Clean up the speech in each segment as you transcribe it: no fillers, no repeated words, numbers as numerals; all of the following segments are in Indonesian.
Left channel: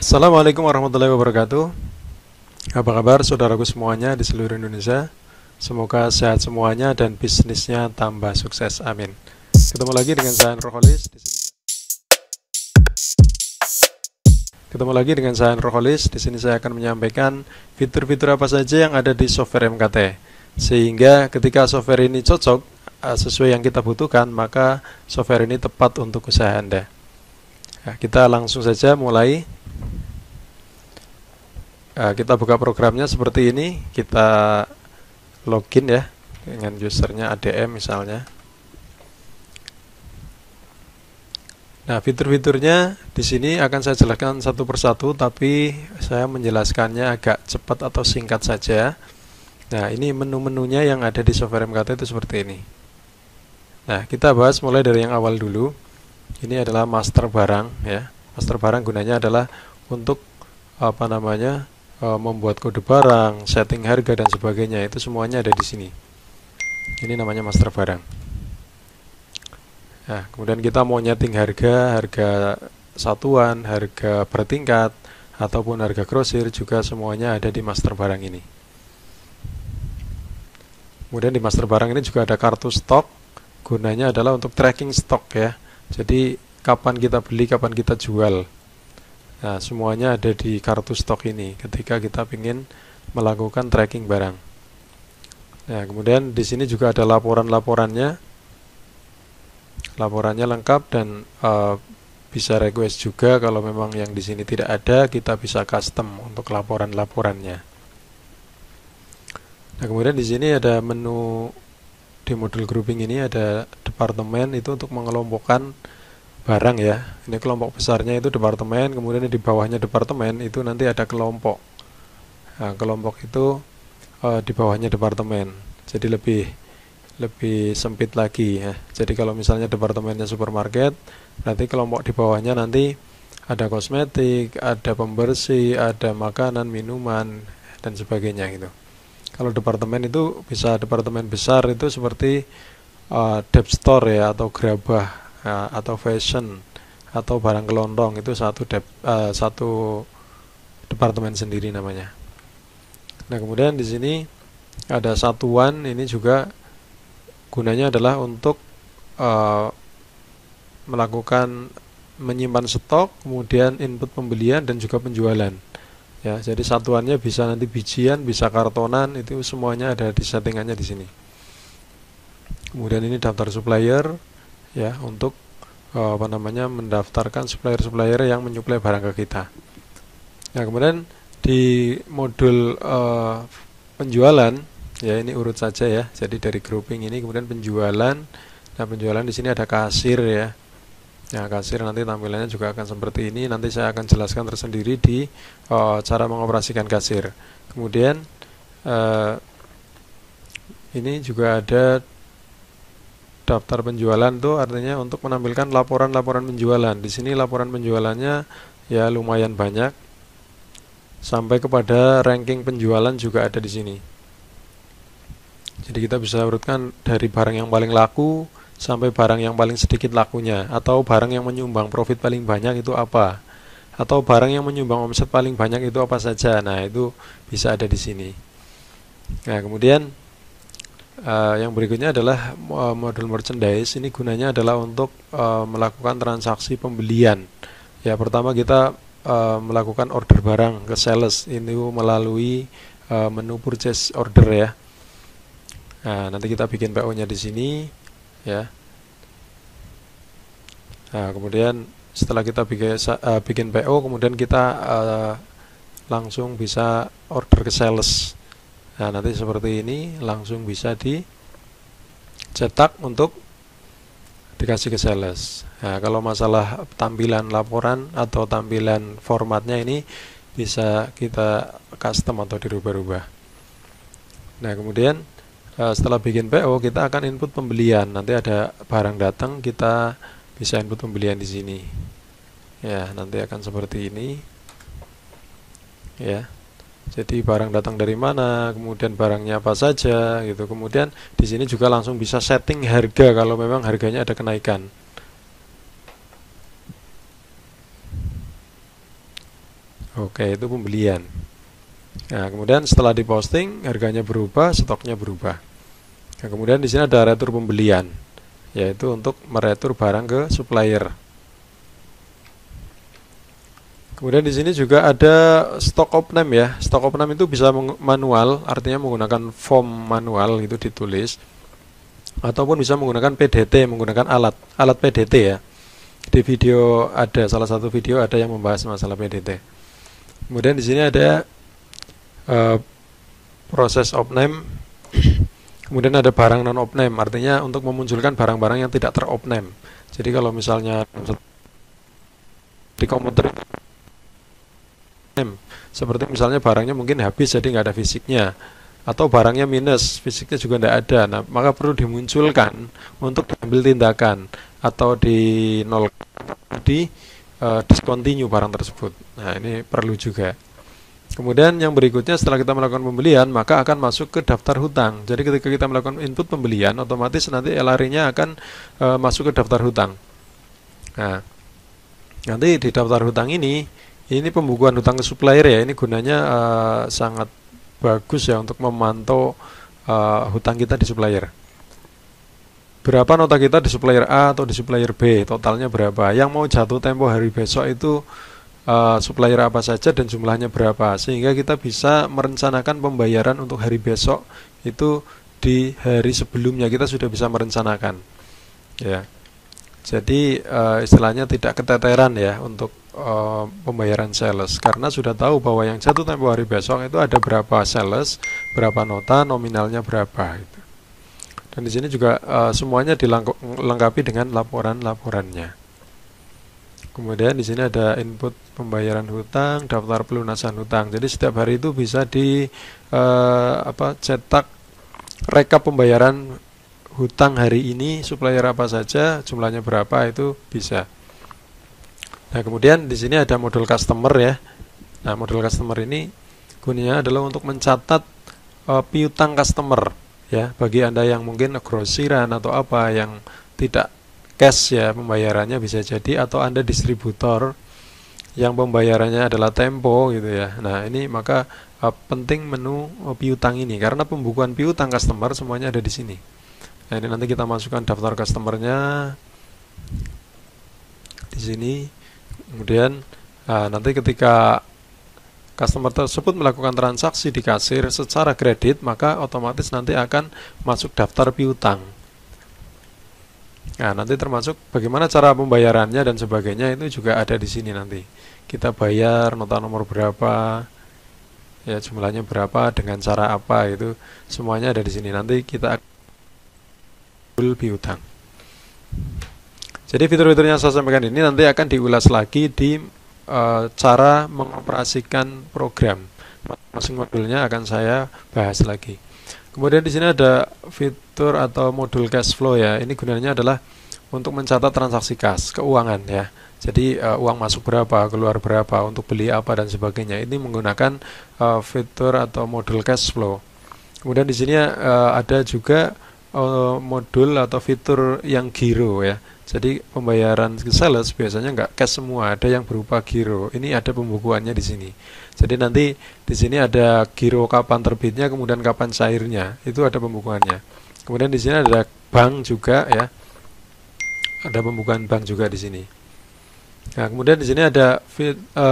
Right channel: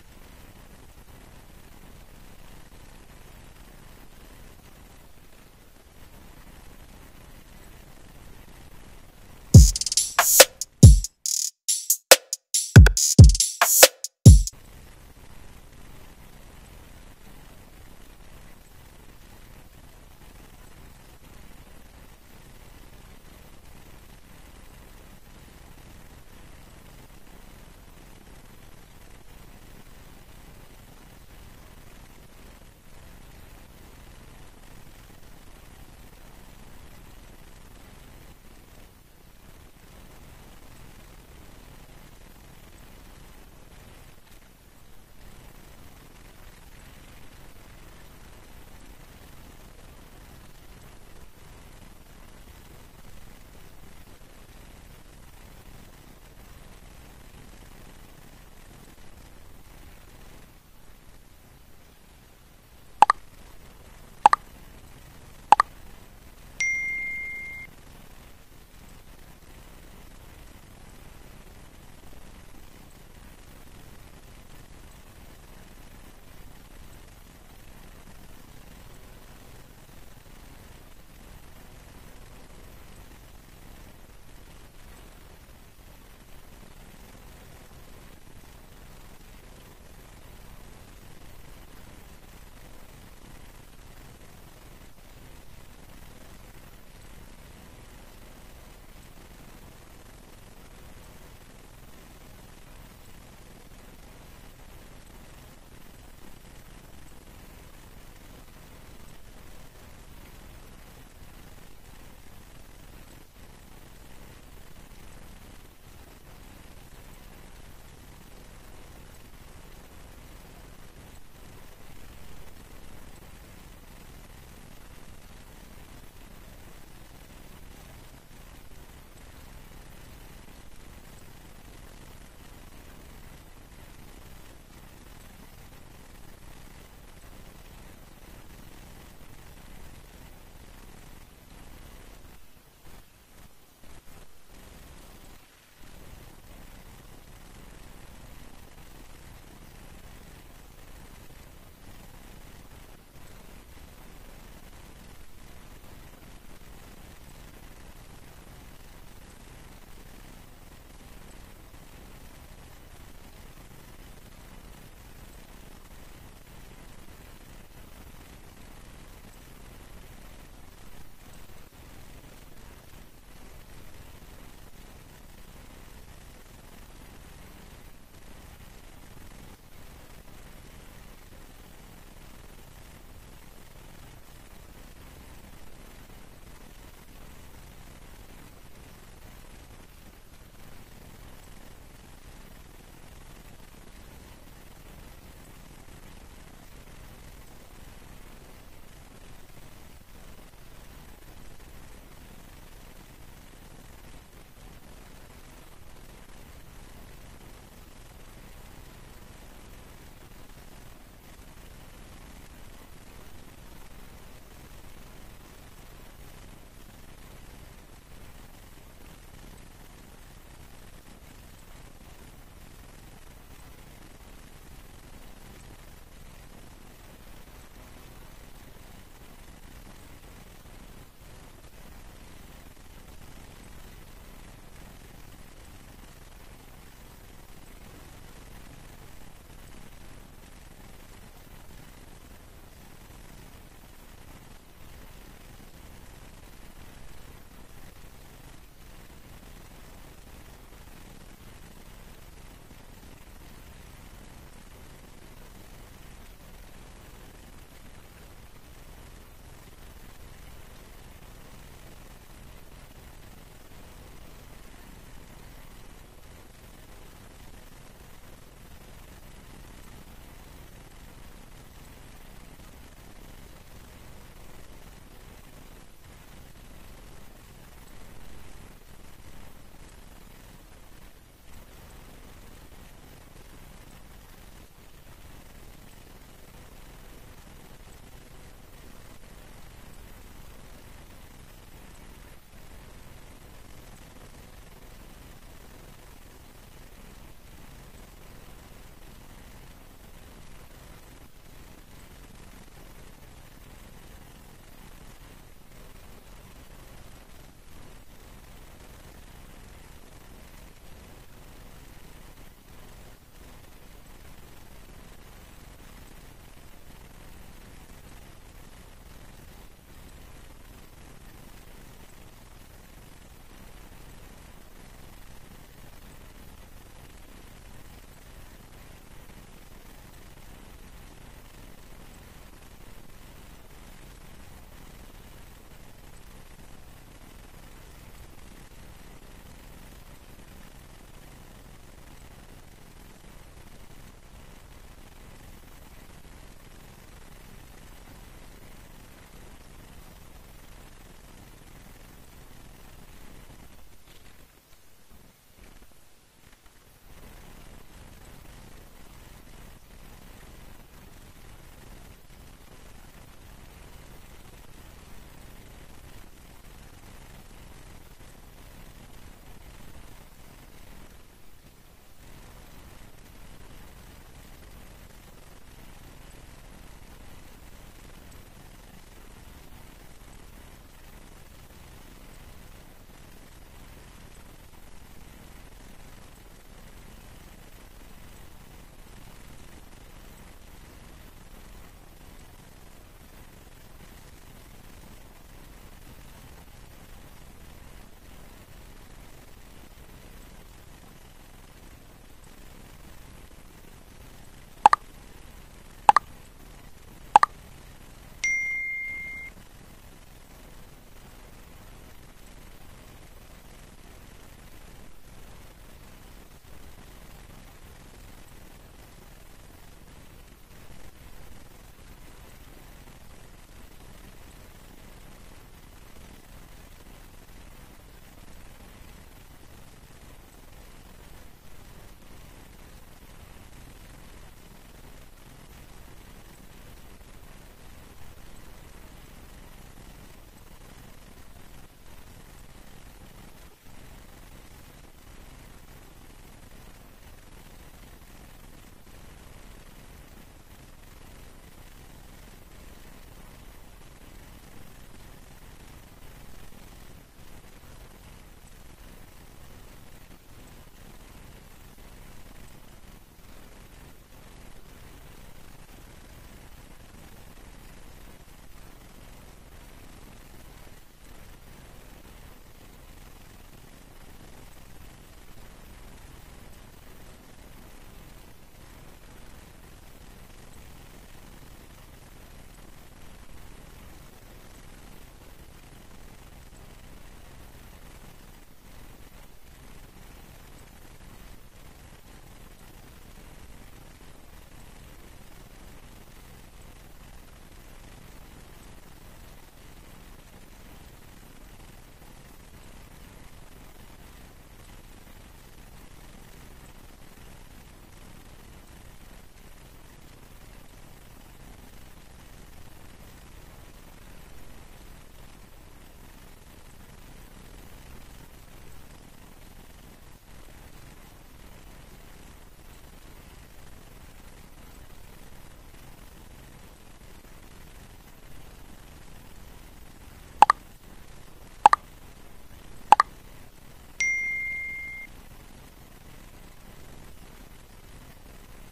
Assalamualaikum warahmatullahi wabarakatuh. Apa kabar saudaraku semuanya di seluruh Indonesia? Semoga sehat semuanya dan bisnisnya tambah sukses. Amin. Ketemu lagi dengan saya Nurholis. Ketemu lagi dengan saya Nurholis. Di sini saya akan menyampaikan fitur-fitur apa saja yang ada di software MKT. Sehingga ketika software ini cocok sesuai yang kita butuhkan, maka software ini tepat untuk usaha Anda. Nah, kita langsung saja mulai. Kita buka programnya seperti ini, kita login ya dengan usernya ADM misalnya. Nah, fitur-fiturnya di sini akan saya jelaskan satu persatu, tapi saya menjelaskannya agak cepat atau singkat saja. Nah, ini menu-menunya yang ada di software MKT itu seperti ini. Nah, kita bahas mulai dari yang awal dulu. Ini adalah master barang ya. Master barang gunanya adalah untuk membuat kode barang, setting harga dan sebagainya. Itu semuanya ada di sini. Ini namanya master barang. Nah, kemudian kita mau nyeting harga satuan, harga bertingkat, ataupun harga grosir juga semuanya ada di master barang ini. Kemudian di master barang ini juga ada kartu stok. Gunanya adalah untuk tracking stok ya. Jadi kapan kita beli, kapan kita jual. Nah, semuanya ada di kartu stok ini ketika kita ingin melakukan tracking barang. Nah, kemudian di sini juga ada laporan-laporannya. Laporannya lengkap dan bisa request juga kalau memang yang di sini tidak ada, kita bisa custom untuk laporan-laporannya. Nah, kemudian di sini ada menu di modul grouping ini ada departemen itu untuk mengelompokkan barang ya. Ini kelompok besarnya itu departemen, kemudian di bawahnya departemen itu nanti ada kelompok. Nah, kelompok itu di bawahnya departemen. Jadi lebih sempit lagi ya. Jadi kalau misalnya departemennya supermarket, nanti kelompok di bawahnya nanti ada kosmetik, ada pembersih, ada makanan, minuman dan sebagainya gitu. Kalau departemen itu bisa departemen besar itu seperti dep store ya, atau gerabah atau fashion atau barang kelontong, itu satu departemen sendiri namanya. Nah, kemudian di sini ada satuan, ini juga gunanya adalah untuk melakukan menyimpan stok, kemudian input pembelian dan juga penjualan. Ya, jadi satuannya bisa nanti bijian, bisa kartonan, itu semuanya ada di settingannya di sini. Kemudian ini daftar supplier ya, untuk mendaftarkan supplier-supplier yang menyuplai barang ke kita. Nah, kemudian di modul penjualan ya, ini urut saja ya. Jadi dari grouping ini kemudian penjualan. Nah, penjualan di sini ada kasir ya. Nah, kasir nanti tampilannya juga akan seperti ini. Nanti saya akan jelaskan tersendiri di cara mengoperasikan kasir. Kemudian ini juga ada daftar penjualan, tuh artinya untuk menampilkan laporan-laporan penjualan. Di sini laporan penjualannya ya lumayan banyak. Sampai kepada ranking penjualan juga ada di sini. Jadi kita bisa urutkan dari barang yang paling laku sampai barang yang paling sedikit lakunya, atau barang yang menyumbang profit paling banyak itu apa, atau barang yang menyumbang omset paling banyak itu apa saja. Nah, itu bisa ada di sini. Nah, kemudian yang berikutnya adalah modul merchandise. Ini gunanya adalah untuk melakukan transaksi pembelian. Ya, pertama kita melakukan order barang ke sales ini melalui menu purchase order ya. Nah, nanti kita bikin PO-nya di sini ya. Nah, kemudian setelah kita bikin PO, kemudian kita langsung bisa order ke sales. Nah, nanti seperti ini langsung bisa dicetak untuk dikasih ke sales. Nah, kalau masalah tampilan laporan atau tampilan formatnya ini bisa kita custom atau dirubah-rubah. Nah, kemudian setelah bikin PO kita akan input pembelian. Nanti ada barang datang, kita bisa input pembelian di sini. Ya, nanti akan seperti ini. Ya. Jadi barang datang dari mana, kemudian barangnya apa saja gitu. Kemudian di sini juga langsung bisa setting harga kalau memang harganya ada kenaikan. Oke, itu pembelian. Nah, kemudian setelah diposting, harganya berubah, stoknya berubah. Nah, kemudian di sini ada retur pembelian, yaitu untuk meretur barang ke supplier. Kemudian di sini juga ada stock of name ya. Stock of name itu bisa manual, artinya menggunakan form manual itu ditulis, ataupun bisa menggunakan PDT, menggunakan alat PDT ya. Di video ada salah satu video ada yang membahas masalah PDT. Kemudian di sini ada proses of name. Kemudian ada barang non of name, artinya untuk memunculkan barang-barang yang tidak ter of name. Jadi kalau misalnya di komputer name, seperti misalnya barangnya mungkin habis jadi nggak ada fisiknya, atau barangnya minus, fisiknya juga tidak ada, nah maka perlu dimunculkan untuk diambil tindakan atau di nol, di discontinue barang tersebut. Nah ini perlu juga. Kemudian yang berikutnya, setelah kita melakukan pembelian, maka akan masuk ke daftar hutang. Jadi ketika kita melakukan input pembelian, otomatis nanti LR-nya akan masuk ke daftar hutang. Nah, nanti di daftar hutang ini pembukuan hutang ke supplier ya. Ini gunanya sangat bagus ya untuk memantau hutang kita di supplier. Berapa nota kita di supplier A atau di supplier B, totalnya berapa. Yang mau jatuh tempo hari besok itu supplier apa saja dan jumlahnya berapa, sehingga kita bisa merencanakan pembayaran untuk hari besok itu di hari sebelumnya kita sudah bisa merencanakan ya. Jadi istilahnya tidak keteteran ya untuk pembayaran sales, karena sudah tahu bahwa yang jatuh tempo hari besok itu ada berapa sales, berapa nota, nominalnya berapa gitu. Dan di sini juga semuanya dilengkapi dengan laporan-laporannya. Kemudian di sini ada input pembayaran hutang, daftar pelunasan hutang. Jadi setiap hari itu bisa cetak rekap pembayaran hutang hari ini, supplier apa saja, jumlahnya berapa, itu bisa. Nah, kemudian di sini ada modul customer ya. Nah, modul customer ini gunanya adalah untuk mencatat piutang customer ya, bagi Anda yang mungkin grosiran atau apa yang tidak cash ya pembayarannya bisa jadi, atau Anda distributor yang pembayarannya adalah tempo gitu ya. Nah, ini maka penting menu piutang ini, karena pembukuan piutang customer semuanya ada di sini. Nah, ini nanti kita masukkan daftar customernya di sini. Kemudian nanti ketika customer tersebut melakukan transaksi di kasir secara kredit, maka otomatis nanti akan masuk daftar piutang. Nah, nanti termasuk bagaimana cara pembayarannya dan sebagainya itu juga ada di sini nanti. Kita bayar nota nomor berapa, ya jumlahnya berapa, dengan cara apa, itu semuanya ada di sini. Nanti kita akan piutang. Jadi fitur-fitur yang saya sampaikan ini nanti akan diulas lagi di cara mengoperasikan program. Masing modulnya akan saya bahas lagi. Kemudian di sini ada fitur atau modul cash flow ya. Ini gunanya adalah untuk mencatat transaksi kas, keuangan ya. Jadi uang masuk berapa, keluar berapa, untuk beli apa dan sebagainya. Ini menggunakan fitur atau modul cash flow. Kemudian di sini ada juga modul atau fitur yang giro ya. Jadi pembayaran ke sales biasanya nggak cash semua, ada yang berupa giro. Ini ada pembukuannya di sini. Jadi nanti di sini ada giro kapan terbitnya, kemudian kapan cairnya, itu ada pembukuannya. Kemudian di sini ada bank juga ya, ada pembukuan bank juga di sini. Nah, kemudian di sini ada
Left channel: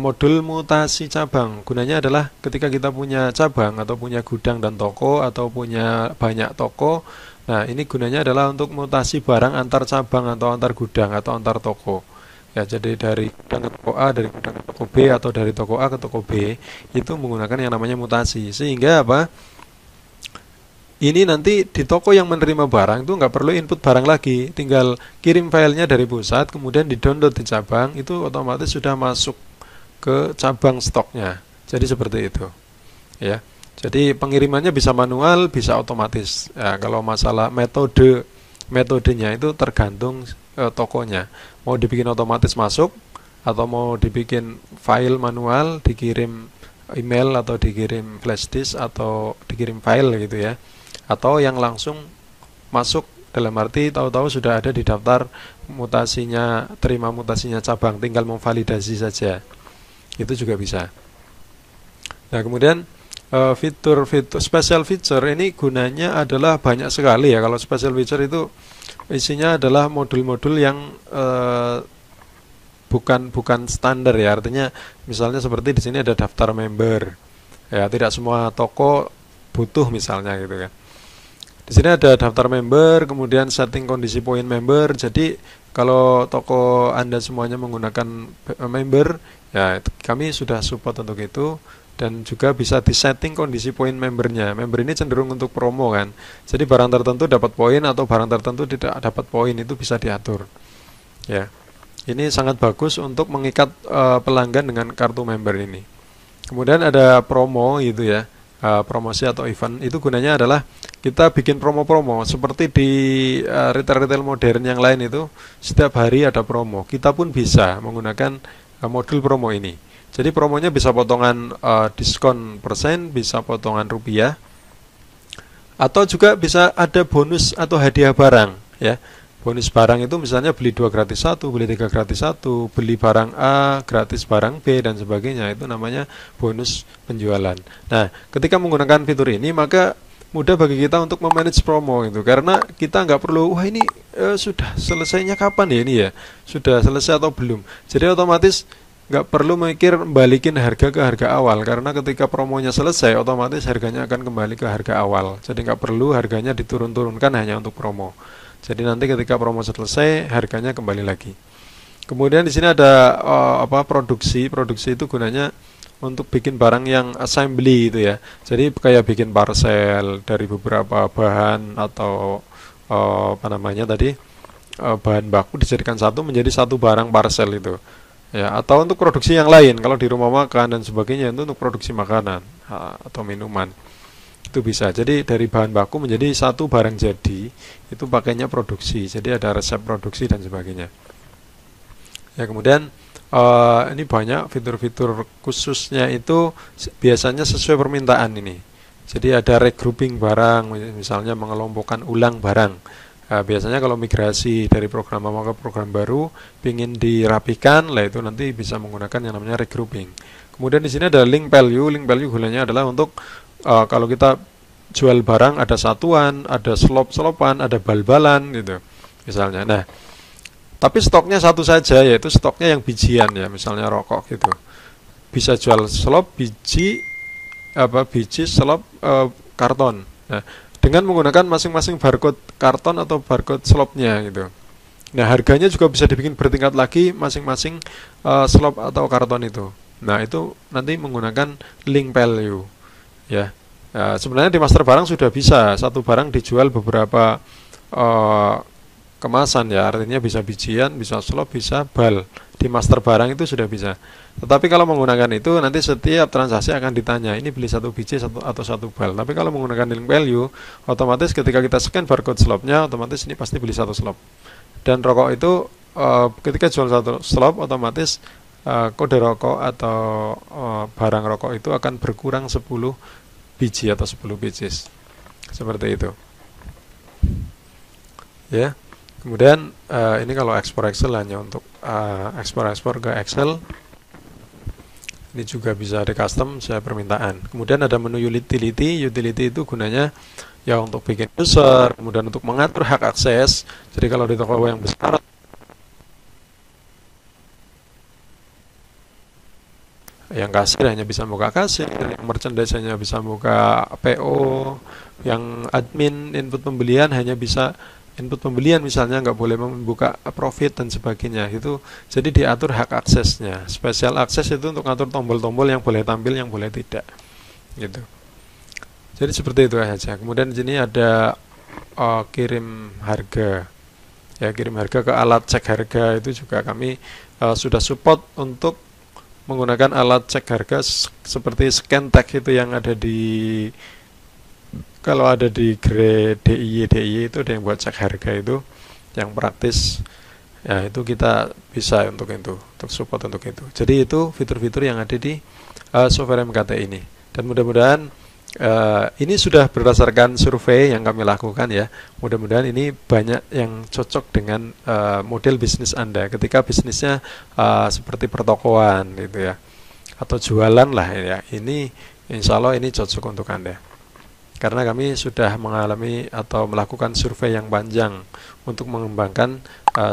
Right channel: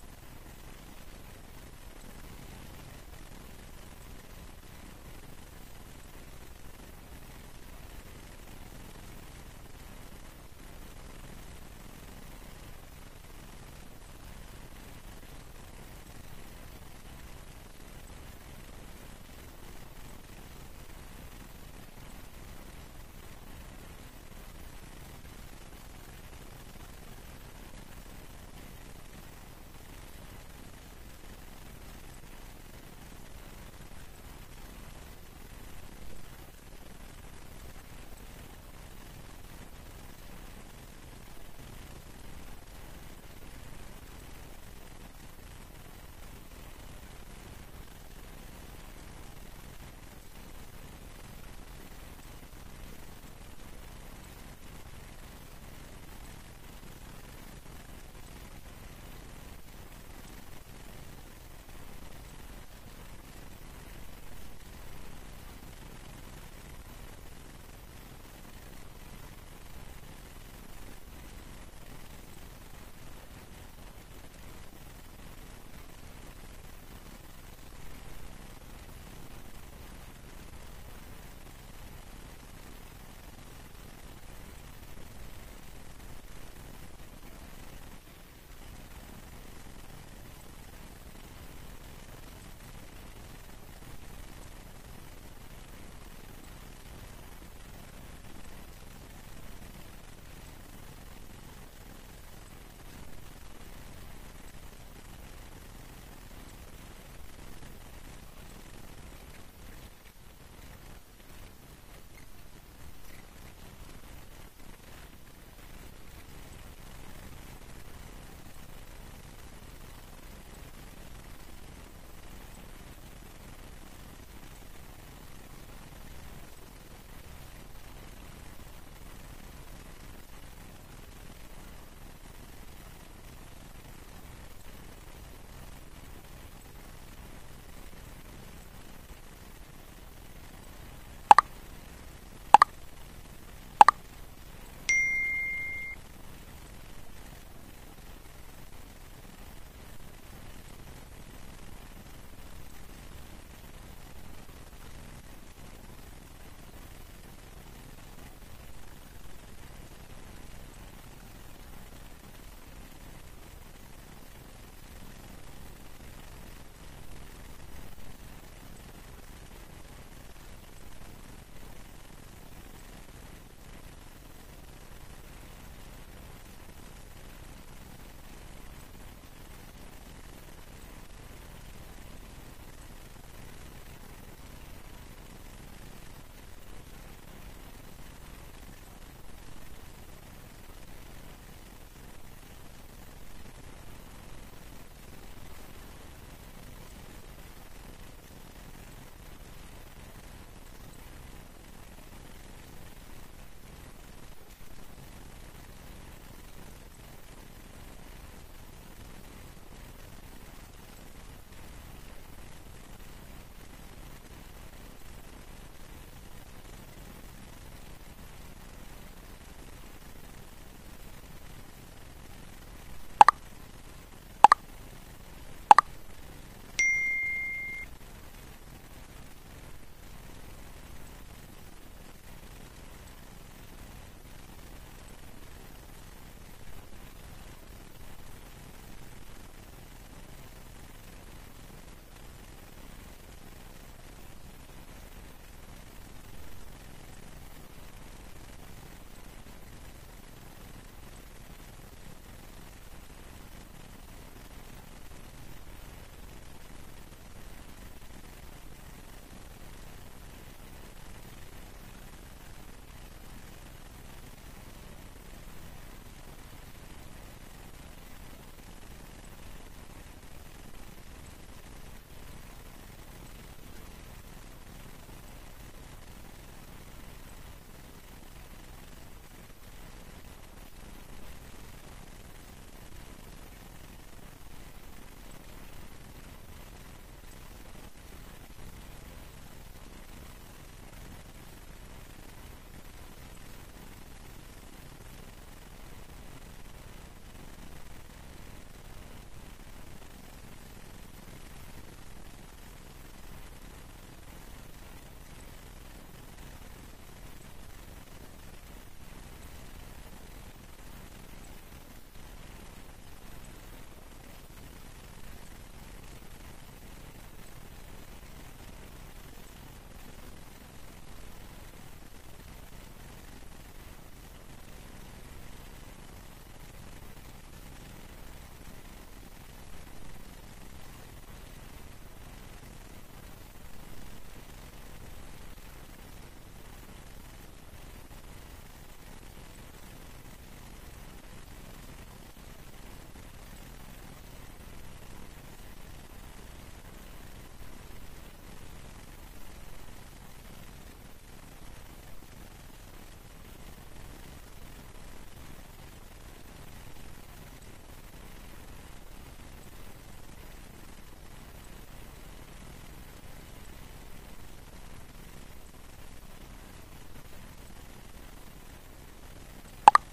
modul mutasi cabang. Gunanya adalah ketika kita punya cabang atau punya gudang dan toko atau punya banyak toko. Nah, ini gunanya adalah untuk mutasi barang antar cabang atau antar gudang atau antar toko. Ya, jadi dari gudang ke toko A, dari gudang ke toko B, atau dari toko A ke toko B, itu menggunakan yang namanya mutasi. Sehingga apa? Ini nanti di toko yang menerima barang itu nggak perlu input barang lagi, tinggal kirim filenya dari pusat, kemudian di-download di cabang, itu otomatis sudah masuk ke cabang stoknya. Jadi seperti itu. Ya. Jadi pengirimannya bisa manual, bisa otomatis. Ya, kalau masalah metodenya itu tergantung tokonya. Mau dibikin otomatis masuk, atau mau dibikin file manual, dikirim email atau dikirim flash disk atau dikirim file gitu ya, atau yang langsung masuk, dalam arti tahu-tahu sudah ada di daftar mutasinya, terima mutasinya cabang, tinggal memvalidasi saja, itu juga bisa. Nah, kemudian fitur-fitur special feature ini gunanya adalah banyak sekali ya. Kalau special feature itu isinya adalah modul-modul yang bukan bukan standar ya. Artinya misalnya seperti di sini ada daftar member. Ya, tidak semua toko butuh misalnya gitu kan. Di sini ada daftar member, kemudian setting kondisi poin member. Jadi kalau toko Anda semuanya menggunakan member, ya kami sudah support untuk itu, dan juga bisa disetting kondisi poin membernya. Member ini cenderung untuk promo kan. Jadi barang tertentu dapat poin atau barang tertentu tidak dapat poin, itu bisa diatur. Ya. Ini sangat bagus untuk mengikat pelanggan dengan kartu member ini. Kemudian ada promo gitu ya. Promosi atau event itu gunanya adalah kita bikin promo-promo seperti di retail-retail modern yang lain itu setiap hari ada promo. Kita pun bisa menggunakan modul promo ini. Jadi promonya bisa potongan diskon persen, bisa potongan rupiah, atau juga bisa ada bonus atau hadiah barang ya. Bonus barang itu misalnya beli 2 gratis 1, beli 3 gratis 1, beli barang A gratis barang B dan sebagainya. Itu namanya bonus penjualan. Nah, ketika menggunakan fitur ini maka mudah bagi kita untuk memanage promo itu, karena kita nggak perlu wah ini sudah selesainya kapan ya ini ya, sudah selesai atau belum. Jadi otomatis nggak perlu mikir balikin harga ke harga awal, karena ketika promonya selesai otomatis harganya akan kembali ke harga awal. Jadi nggak perlu harganya diturun-turunkan hanya untuk promo. Jadi nanti ketika promo selesai harganya kembali lagi. Kemudian di sini ada produksi. Produksi itu gunanya untuk bikin barang yang assembly itu ya. Jadi kayak bikin parcel dari beberapa bahan atau bahan baku dijadikan satu menjadi satu barang parcel itu. Ya, atau untuk produksi yang lain, kalau di rumah makan dan sebagainya itu untuk produksi makanan atau minuman. Itu bisa. Jadi dari bahan baku menjadi satu barang jadi, itu pakainya produksi. Jadi ada resep produksi dan sebagainya. Ya, kemudian ini banyak fitur-fitur khususnya itu biasanya sesuai permintaan ini. Jadi ada regrouping barang, misalnya mengelompokkan ulang barang. Biasanya kalau migrasi dari program lama ke program baru, ingin dirapikan, lah itu nanti bisa menggunakan yang namanya regrouping. Kemudian di sini ada link value. Link value gunanya adalah untuk kalau kita jual barang ada satuan, ada slop-slopan, ada bal-balan gitu misalnya. Nah, tapi stoknya satu saja, yaitu stoknya yang bijian ya, misalnya rokok gitu. Bisa jual slop biji biji slop karton. Nah, dengan menggunakan masing-masing barcode karton atau barcode slopnya gitu. Nah, harganya juga bisa dibikin bertingkat lagi masing-masing slop atau karton itu. Nah, itu nanti menggunakan link value ya. Sebenarnya di master barang sudah bisa satu barang dijual beberapa kemasan ya, artinya bisa bijian, bisa slop, bisa bal. Di master barang itu sudah bisa. Tetapi kalau menggunakan itu nanti setiap transaksi akan ditanya ini beli satu biji atau satu bal. Tapi kalau menggunakan link value, otomatis ketika kita scan barcode slopnya, otomatis ini pasti beli satu slop. Dan rokok itu ketika jual satu slop, otomatis kode rokok atau barang rokok itu akan berkurang 10 biji atau 10 pieces. Seperti itu. Ya. Kemudian ini kalau ekspor Excel hanya untuk ekspor ke Excel. Ini juga bisa di custom sesuai permintaan. Kemudian ada menu utility. Utility itu gunanya ya untuk bikin user, kemudian untuk mengatur hak akses. Jadi kalau di toko yang besar yang kasir hanya bisa buka kasir, yang merchandise hanya bisa buka PO, yang admin input pembelian hanya bisa input pembelian, misalnya nggak boleh membuka profit dan sebagainya. Itu jadi diatur hak aksesnya. Special akses itu untuk ngatur tombol-tombol yang boleh tampil, yang boleh tidak gitu. Jadi seperti itu saja. Kemudian di sini ada kirim harga ya, kirim harga ke alat cek harga. Itu juga kami sudah support untuk menggunakan alat cek harga seperti Scan-Tag itu yang ada di, kalau ada di grade DIY itu ada yang buat cek harga itu yang praktis ya, itu kita bisa untuk itu, untuk support untuk itu. Jadi itu fitur-fitur yang ada di software MKT ini, dan mudah-mudahan ini sudah berdasarkan survei yang kami lakukan ya. Mudah-mudahan ini banyak yang cocok dengan model bisnis Anda ketika bisnisnya seperti pertokoan gitu ya, atau jualan lah ya. Ini Insya Allah ini cocok untuk Anda. Karena kami sudah mengalami atau melakukan survei yang panjang untuk mengembangkan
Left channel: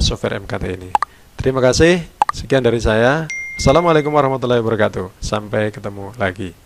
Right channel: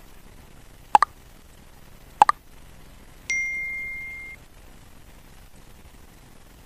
software MKT ini. Terima kasih, sekian dari saya. Assalamualaikum warahmatullahi wabarakatuh. Sampai ketemu lagi.